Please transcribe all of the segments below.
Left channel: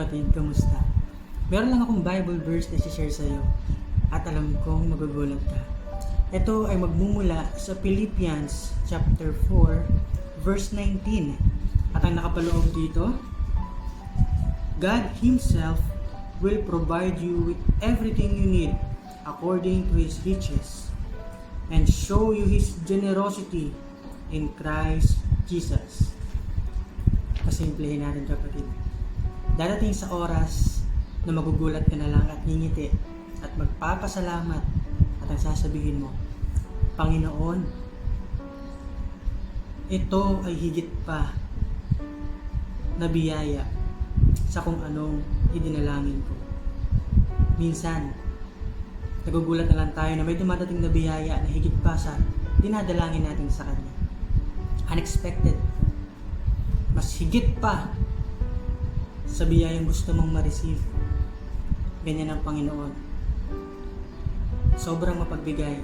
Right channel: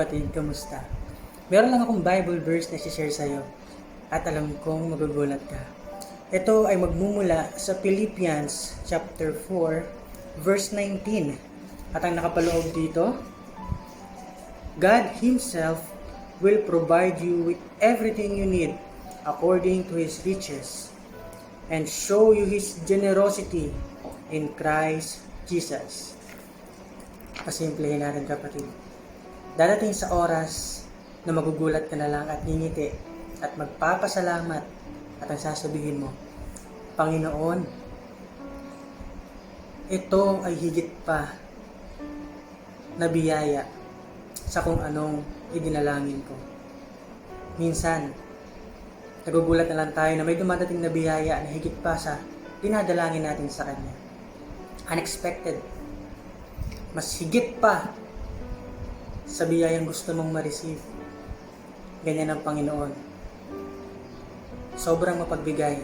Kapatid, kamusta? Meron lang akong Bible verse na share sa'yo at alam kong magugulat ka. Ito ay magmumula sa Philippians chapter 4 verse 19. At ang nakapaloob dito, God Himself will provide you with everything you need according to His riches and show you His generosity in Christ Jesus. Pasimplehin natin, kapatid. Darating sa oras na magugulat ka na lang at ngingiti at magpapasalamat at ang sasabihin mo, Panginoon, ito ay higit pa na biyaya sa kung anong idinalangin ko. Minsan, nagugulat na lang tayo na may dumadating na biyaya na higit pa sa dinadalangin natin sa Kanya. Unexpected. Mas higit pa sa biyayang gusto mong ma-receive. Ganyan ang Panginoon. Sobrang mapagbigay.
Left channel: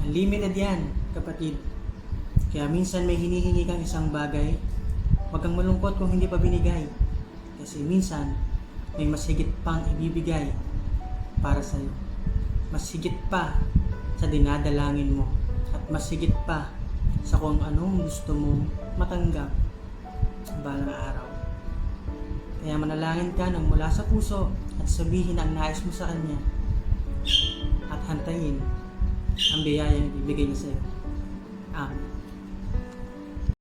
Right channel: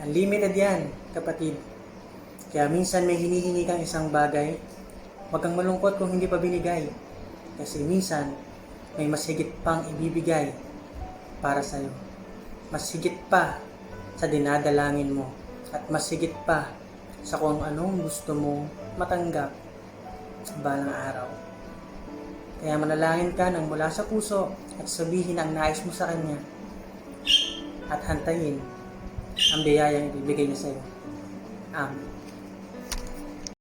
Unlimited yan, kapatid. Kaya minsan may hinihingi kang isang bagay, huwag kang malungkot kung hindi pa binigay. Kasi minsan, may mas higit pang ibibigay para sa'yo. Mas higit pa sa dinadalangin mo. At mas higit pa sa kung anong gusto mong matanggap sa balang araw. Kaya manalangin ka ng mula sa puso at sabihin ang nais mo sa Kanya at hantayin ang biyayang ibibigay niya sa iyo. Amen.